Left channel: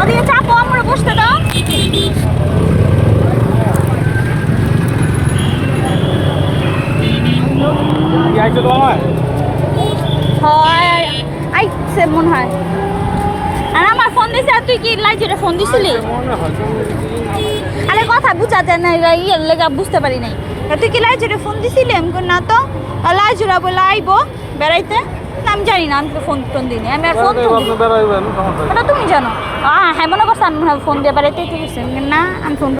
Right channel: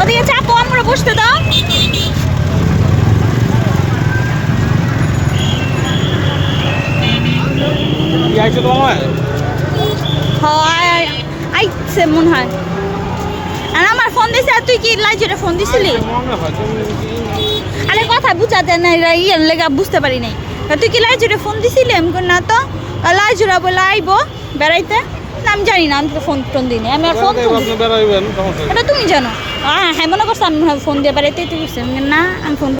ওদিকে চাপো, আমরা বসতে দাও। আইছে মনে হয়। আর আমার ফোন দিছে, তুই কি লাইজুরে ফোন দিছিলি? আরে কথা বুঝাতে নাই, ইয়ের লেগা বুঝতে পারি নাই। তুই কি লাইজুরে ফোন দিছিলি? আমি না তো। লাইজুরা বলে আইব বেড়াইতে, আমি জানি না, আমি তো ফোন টোন দিই, আমি আর ফোন এটা তুমি জানো। হ্যাঁ মনে করছো আমি ফোন দিয়ে বেড়াইতে, তুই না আমি ফোন